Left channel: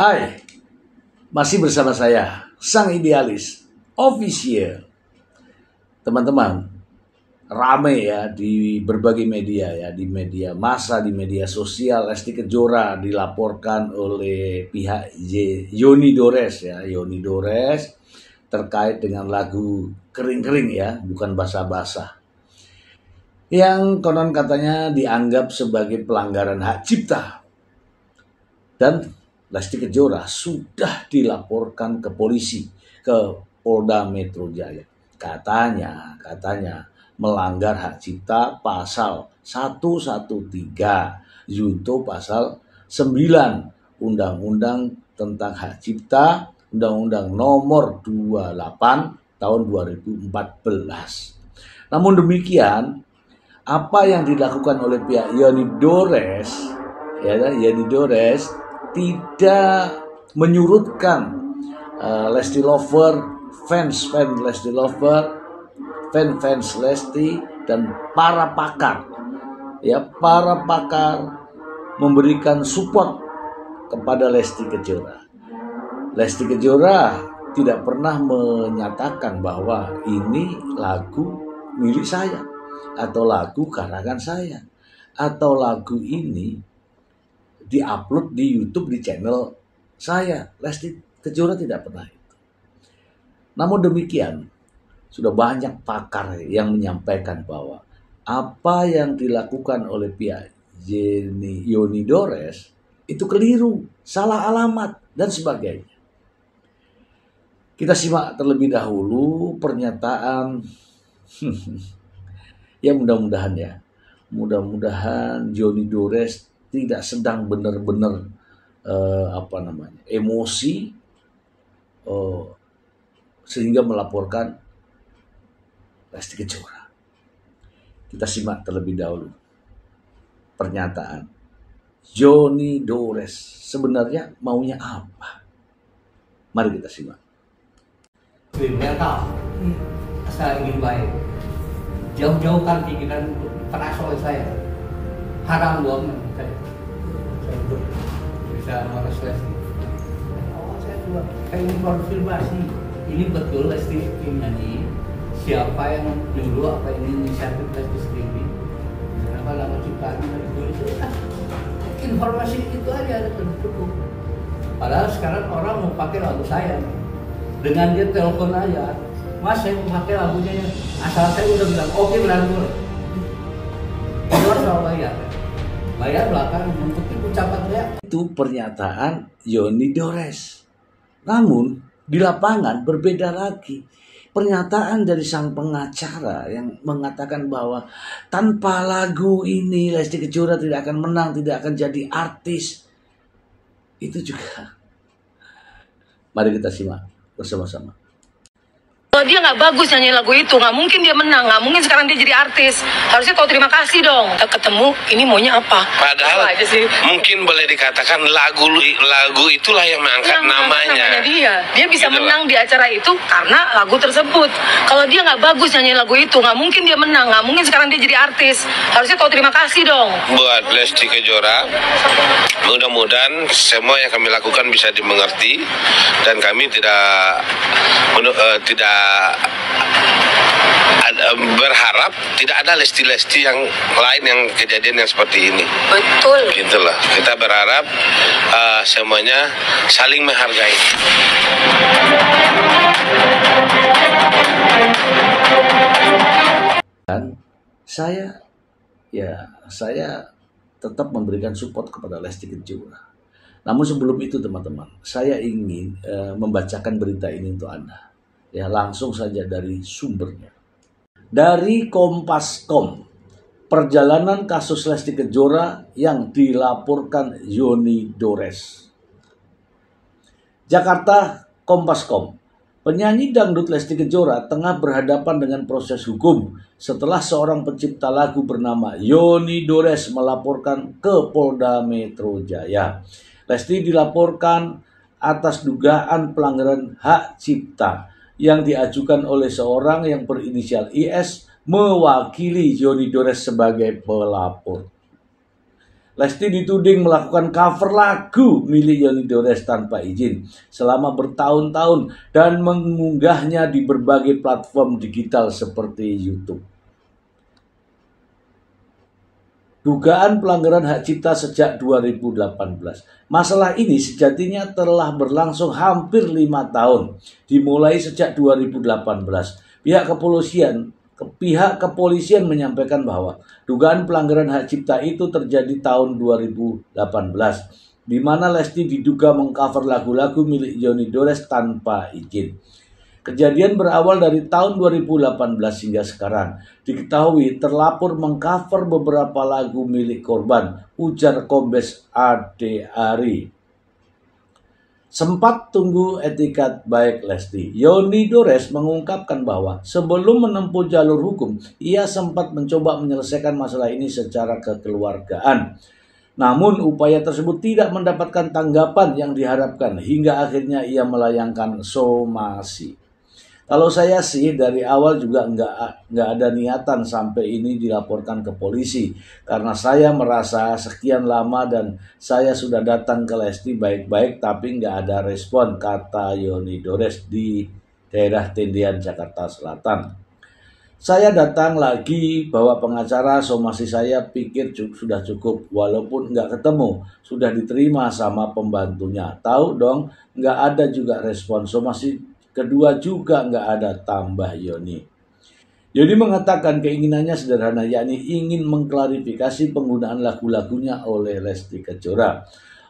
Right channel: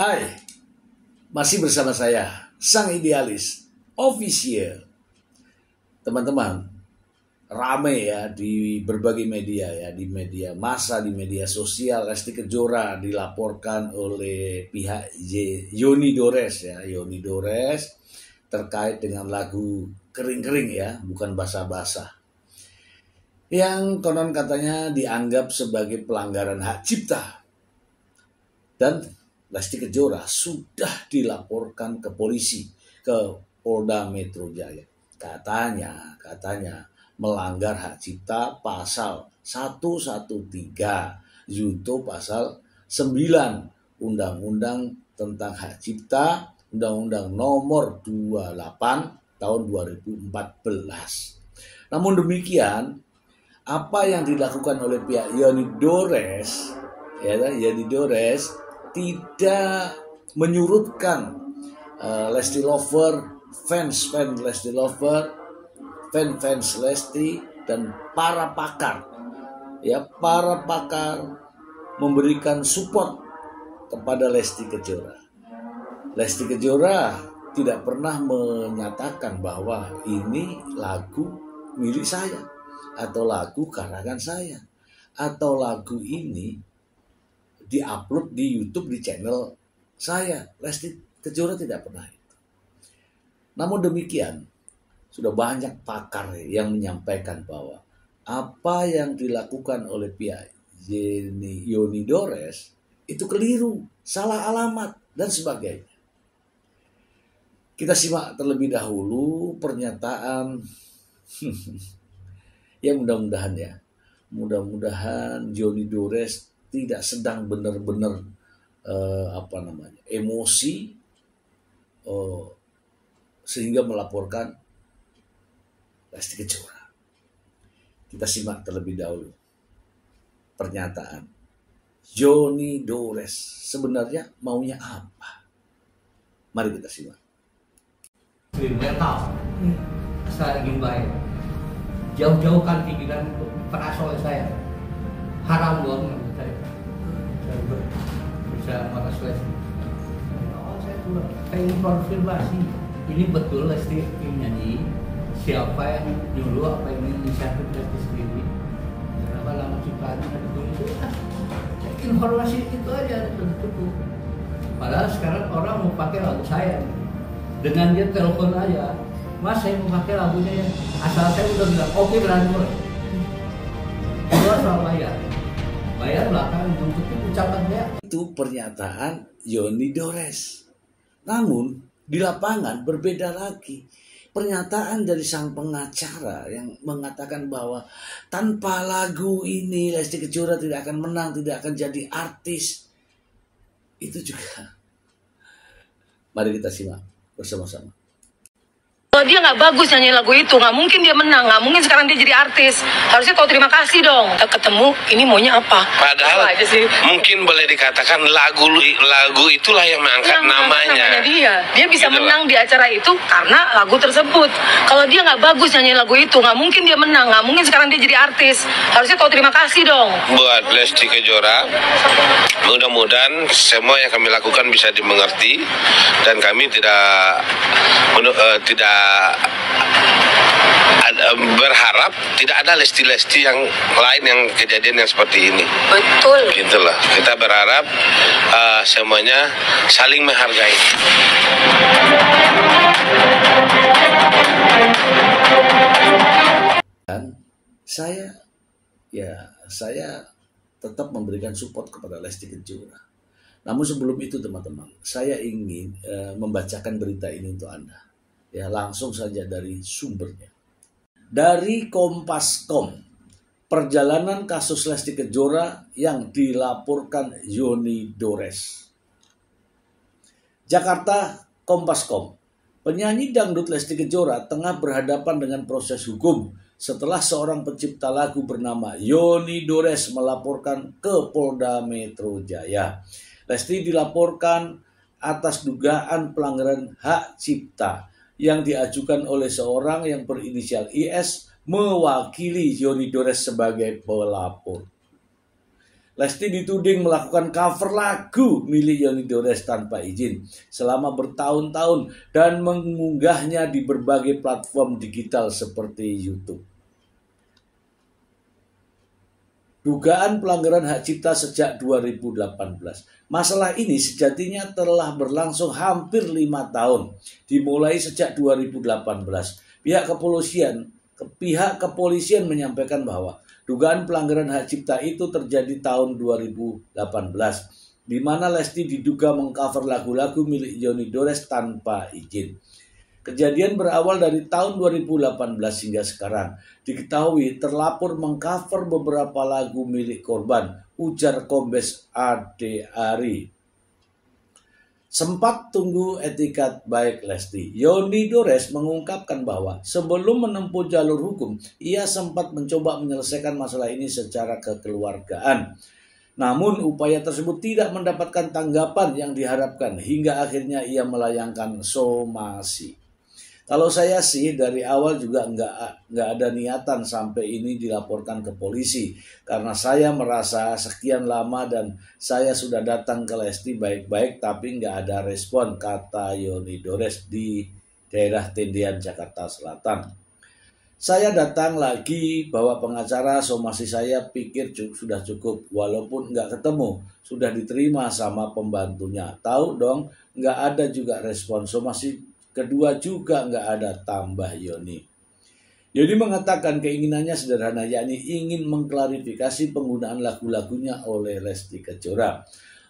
Hai, masih bersama saya, Sang Idealis Official. Teman-teman, rame ya di berbagai media ya, di media massa, di media sosial. Lesti Kejora dilaporkan oleh pihak Yoni Dores ya, Yoni Dores terkait dengan lagu Kering-Kering ya, bukan basah-basah, yang konon katanya dianggap sebagai pelanggaran hak cipta. Dan Lesti Kejora sudah dilaporkan ke polisi, ke Polda Metro Jaya. Katanya melanggar hak cipta pasal 113 junto pasal 9 Undang-Undang tentang Hak Cipta, Undang-Undang nomor 28 tahun 2014. Namun demikian, apa yang dilakukan oleh pihak Yoni Dores tidak menyurutkan Lesti Lover, fans Lesti Lover, fans Lesti, dan para pakar memberikan support kepada Lesti Kejora. Lesti Kejora tidak pernah menyatakan bahwa ini lagu milik saya, atau lagu karangan saya, atau lagu ini diupload di YouTube di channel saya. Lesti Kejora tidak pernah itu. Namun demikian, sudah banyak pakar yang menyampaikan bahwa apa yang dilakukan oleh pihak Yoni Dores itu keliru, salah alamat, dan sebagainya. Kita simak terlebih dahulu pernyataan ya, mudah-mudahan Yoni Dores tidak sedang benar-benar emosi sehingga melaporkan Lesti Kejora. Kita simak terlebih dahulu pernyataan Yoni Dores sebenarnya maunya apa. Mari kita simak. Saya tahu, saya ingin baik. Jauh-jauhkan pikiran penasaran saya. Haram banget saya untuk bisa meres Lesti. Awal saya juga ingin konfirmasi, ini betul Lesti ingin nyanyi, siapa yang dulu, apa ini inisiatif Lesti sendiri, kenapa nama ciptaan itu informasi itu aja cukup. Padahal sekarang orang mau pakai lagu saya, dengan dia telepon aja, Mas saya mau pakai lagunya ya, asal saya udah bilang oke, berani keluar soal bayar belakang untuk ucapan saya. Itu pernyataan Yoni Dores. Namun di lapangan berbeda lagi. Pernyataan dari sang pengacara yang mengatakan bahwa tanpa lagu ini Lesti Kejora tidak akan menang, tidak akan jadi artis. Itu juga. Mari kita simak bersama-sama. Kalau dia nggak bagus nyanyi lagu itu, nggak mungkin dia menang, nggak mungkin sekarang dia jadi artis. Harusnya kau terima kasih dong. Kita ketemu, ini maunya apa? Padahal aja sih. Mungkin boleh dikatakan lagu itulah yang mengangkat namanya. Dia bisa menang di acara itu karena lagu tersebut. Kalau dia nggak bagus nyanyi lagu itu, nggak mungkin dia menang, nggak mungkin sekarang dia jadi artis. Harusnya kau terima kasih dong. Buat Lesti Kejora, mudah-mudahan semua yang kami lakukan bisa dimengerti dan kami tidak berharap tidak ada Lesti-Lesti yang lain yang kejadian yang seperti ini. Betul. Gitulah. Kita berharap semuanya saling menghargai. Dan saya tetap memberikan support kepada Lesti Kejora. Namun sebelum itu teman-teman, saya ingin membacakan berita ini untuk Anda. Ya, langsung saja dari sumbernya. Dari Kompas.com, perjalanan kasus Lesti Kejora yang dilaporkan Yoni Dores. Jakarta, Kompas.com. Penyanyi dangdut Lesti Kejora tengah berhadapan dengan proses hukum setelah seorang pencipta lagu bernama Yoni Dores melaporkan ke Polda Metro Jaya. Lesti dilaporkan atas dugaan pelanggaran hak cipta yang diajukan oleh seorang yang berinisial IS mewakili Yoni Dores sebagai pelapor. Lesti dituding melakukan cover lagu milik Yoni Dores tanpa izin selama bertahun-tahun dan mengunggahnya di berbagai platform digital seperti YouTube. Dugaan pelanggaran hak cipta sejak 2018. Masalah ini sejatinya telah berlangsung hampir 5 tahun, dimulai sejak 2018. Pihak kepolisian menyampaikan bahwa dugaan pelanggaran hak cipta itu terjadi tahun 2018, di mana Lesti diduga mengcover lagu-lagu milik Yoni Dores tanpa izin. Kejadian berawal dari tahun 2018 hingga sekarang. Diketahui terlapor mengcover beberapa lagu milik korban, ujar Kombes Ade Ari. Sempat tunggu etikat baik Lesti. Yoni Dores mengungkapkan bahwa sebelum menempuh jalur hukum, ia sempat mencoba menyelesaikan masalah ini secara kekeluargaan. Namun upaya tersebut tidak mendapatkan tanggapan yang diharapkan hingga akhirnya ia melayangkan somasi. Kalau saya sih dari awal juga nggak ada niatan sampai ini dilaporkan ke polisi, karena saya merasa sekian lama dan saya sudah datang ke Lesti baik-baik tapi nggak ada respon, kata Yoni Dores di daerah Tendian, Jakarta Selatan. Saya datang lagi bawa pengacara, somasi saya pikir sudah cukup, walaupun nggak ketemu, sudah diterima sama pembantunya. Tahu dong, nggak ada juga respon, somasi kedua juga nggak ada, tambah Yoni. Yoni mengatakan keinginannya sederhana, yakni ingin mengklarifikasi penggunaan lagu-lagunya oleh Lesti Kejora.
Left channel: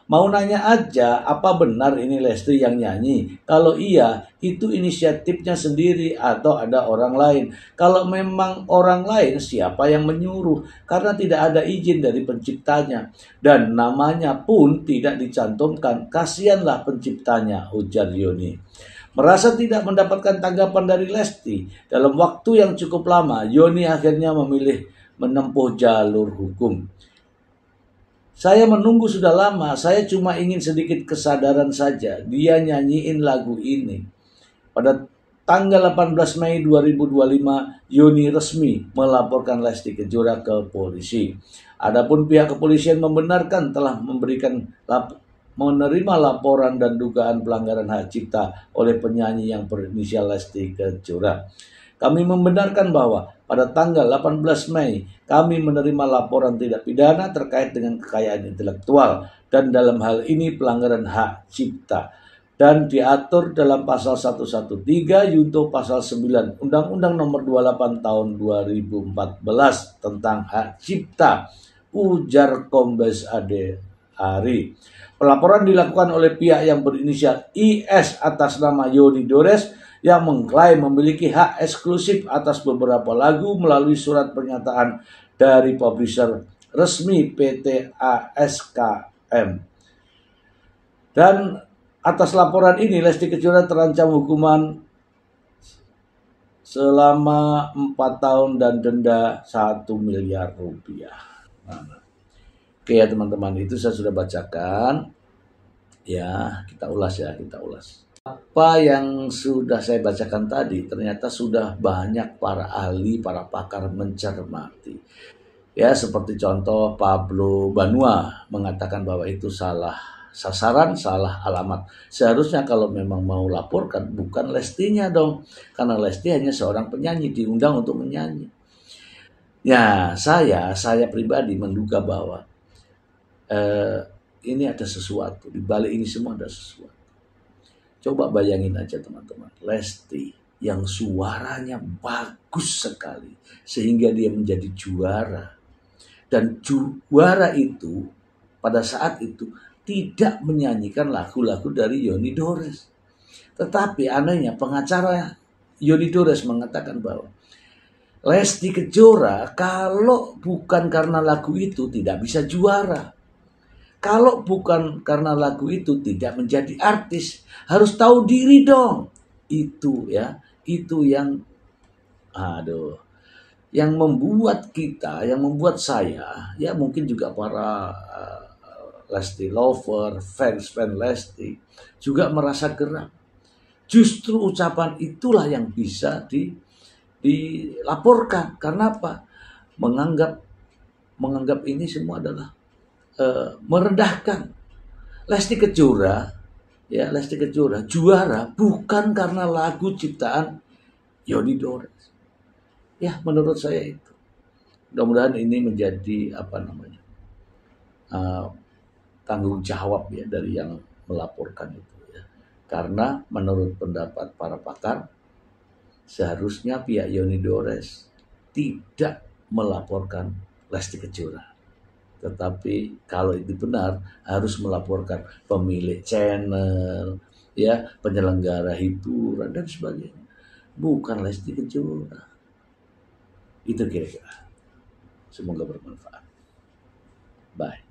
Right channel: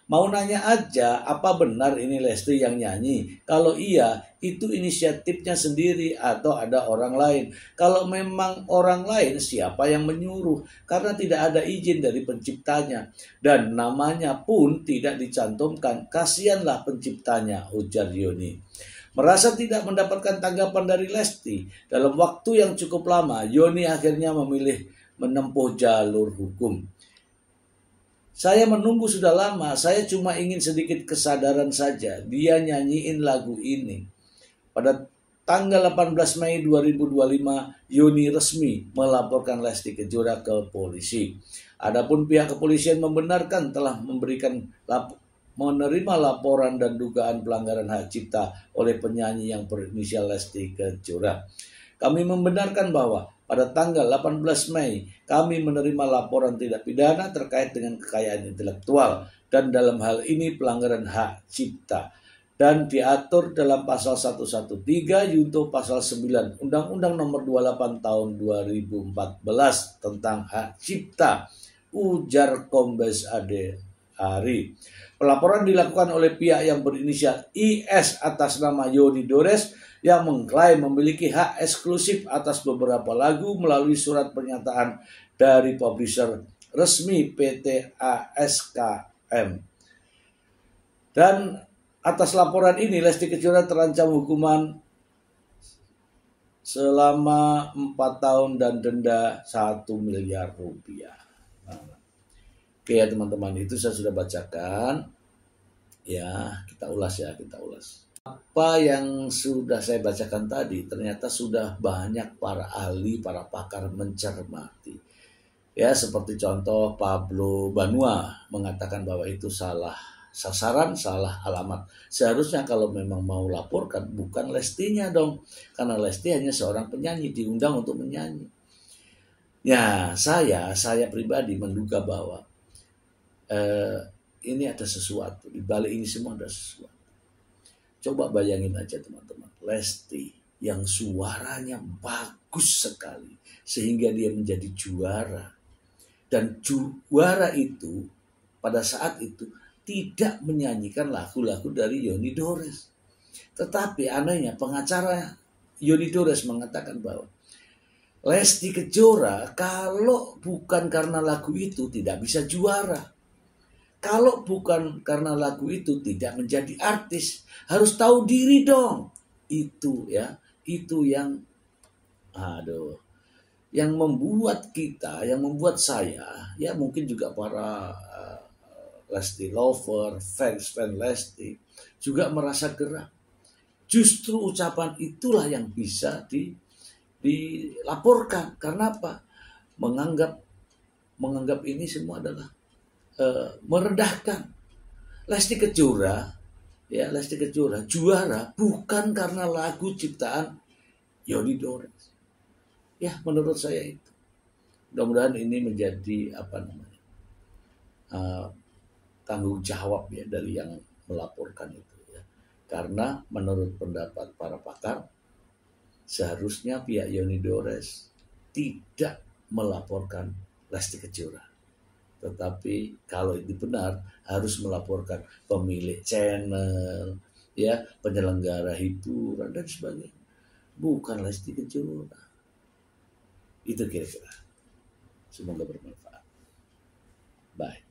Mau nanya aja, apa benar ini Lesti yang nyanyi? Kalau iya, itu inisiatifnya sendiri atau ada orang lain? Kalau memang orang lain, siapa yang menyuruh? Karena tidak ada izin dari penciptanya. Dan namanya pun tidak dicantumkan, kasihanlah penciptanya, ujar Yoni. Merasa tidak mendapatkan tanggapan dari Lesti dalam waktu yang cukup lama, Yoni akhirnya memilih menempuh jalur hukum. Saya menunggu sudah lama, saya cuma ingin sedikit kesadaran saja. Dia nyanyiin lagu ini. Pada tanggal 18 Mei 2025, Yoni resmi melaporkan Lesti Kejora ke polisi. Adapun pihak kepolisian membenarkan telah menerima laporan dan dugaan pelanggaran hak cipta oleh penyanyi yang berinisial Lesti Kejora. Kami membenarkan bahwa pada tanggal 18 Mei kami menerima laporan tidak pidana terkait dengan kekayaan intelektual dan dalam hal ini pelanggaran hak cipta dan diatur dalam pasal 113 junto pasal 9 Undang-Undang Nomor 28 Tahun 2014 tentang hak cipta, ujar Kombes Ade Ari. Pelaporan dilakukan oleh pihak yang berinisial IS atas nama Yoni Dores yang mengklaim memiliki hak eksklusif atas beberapa lagu melalui surat pernyataan dari publisher resmi PT ASKM. Dan atas laporan ini Lesti Kejora terancam hukuman selama 4 tahun dan denda 1 miliar rupiah. Oke ya teman-teman, itu saya sudah bacakan. Ya, kita ulas. Apa yang sudah saya bacakan tadi ternyata sudah banyak para ahli, para pakar mencermati. Ya, seperti contoh Pablo Banua mengatakan bahwa itu salah sasaran, salah alamat. Seharusnya kalau memang mau laporkan bukan Lestinya dong, karena Lesti hanya seorang penyanyi, diundang untuk menyanyi. Ya, saya pribadi menduga bahwa ini ada sesuatu, di balik ini semua ada sesuatu. Coba bayangin aja teman-teman, Lesti yang suaranya bagus sekali sehingga dia menjadi juara. Dan juara itu pada saat itu tidak menyanyikan lagu-lagu dari Yoni Dores. Tetapi anehnya pengacara Yoni Dores mengatakan bahwa Lesti Kejora kalau bukan karena lagu itu tidak bisa juara. Kalau bukan karena lagu itu tidak menjadi artis, harus tahu diri dong. Itu ya, itu yang yang membuat kita, yang membuat saya, ya mungkin juga para Lesti lover, fans Lesti juga merasa geram. Justru ucapan itulah yang bisa dilaporkan. Karena apa? Menganggap ini semua adalah merendahkan. Lesti Kejora, ya Lesti Kejora juara bukan karena lagu ciptaan Yoni Dores. Ya menurut saya itu. Mudah-mudahan ini menjadi tanggung jawab ya dari yang melaporkan itu ya. Karena menurut pendapat para pakar seharusnya pihak Yoni Dores tidak melaporkan Lesti Kejora. Tetapi kalau itu benar harus melaporkan pemilik channel, ya penyelenggara hiburan dan sebagainya. Bukan Lesti Kejora. Itu kira-kira. Semoga bermanfaat. Bye.